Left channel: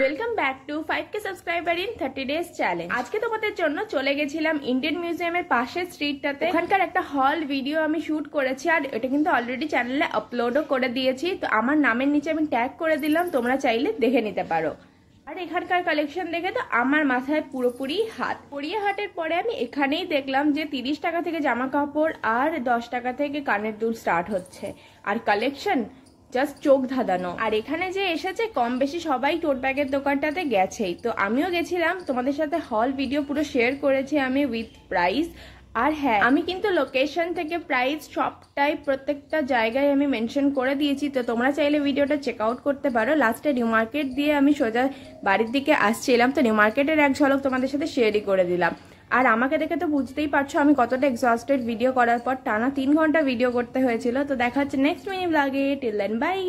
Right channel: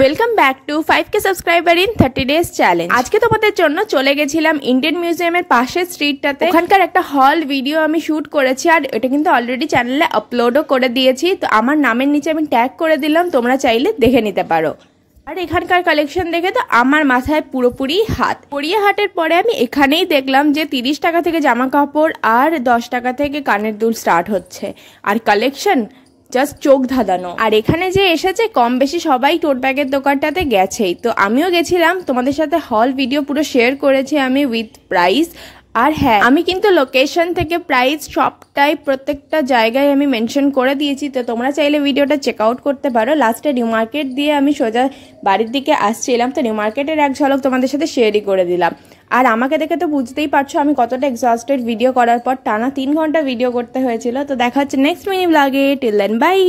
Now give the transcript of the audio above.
Welcome back to 5K subscriber in 30 days challenge. আজকে তোমাদের জন্য চলে গেছিলাম ইন্ডিয়ান মিউজিয়ামের পাশের স্ট্রিটটাতে। ওখানকার একটা হল ভিডিও আমি শুট করেছি আর এটা কিন্তু অলরেডি চ্যানেলে আপলোডও করে দিয়েছি। তো আমার নামের নিচে আমি ট্যাগ করে দিলাম, তোমরা চাইলে দেখে নিতে পারো। আর এখানকার কালেকশন দেখে তো আমার মাথায় পুরোপুরি হাত। পরিয়ে হাটের পরে আমি এখানেই দেখলাম যে 30 টাকা থেকে জামা কাপড় আর 10 টাকা থেকে কানের দুল স্টার্ট হচ্ছে। আর কালেকশন জাস্ট চোখ ধাঁধানো। আর এখানে যে এসেছে কম বেশি সবাই টোট ব্যাগের দোকানটাতে গেছেই, তো আমিও গেছিলাম। তোমাদের সাথে হল ভিডিও পুরো শেয়ার করেছি আমি উইথ প্রাইস। আর হ্যাঁ, আমি কিন্তু লোকেশন থেকে প্রাইস সবটাই প্রত্যেকটা জায়গায় আমি মেনশন করে দিয়েছি, তো তোমরা চাইলে ভিডিওটা চেক আউট করতে পারো। লাস্টে নিউ মার্কেট দিয়ে আমি সোজা বাড়ির দিকে আসছিলাম, তো নিউ মার্কেটের এক ঝলক তোমাদের সাথে শেয়ারই করে দিলাম। আর আমাকে দেখে তো বুঝতেই পারছো আমি কতটা এক্সস্টেড ভিডিও করার পর। টানা 3 ঘন্টা ভিডিও করতে হয়েছিল। তো দেখা হচ্ছে নেক্সট মিনি ব্লগে। Till then by.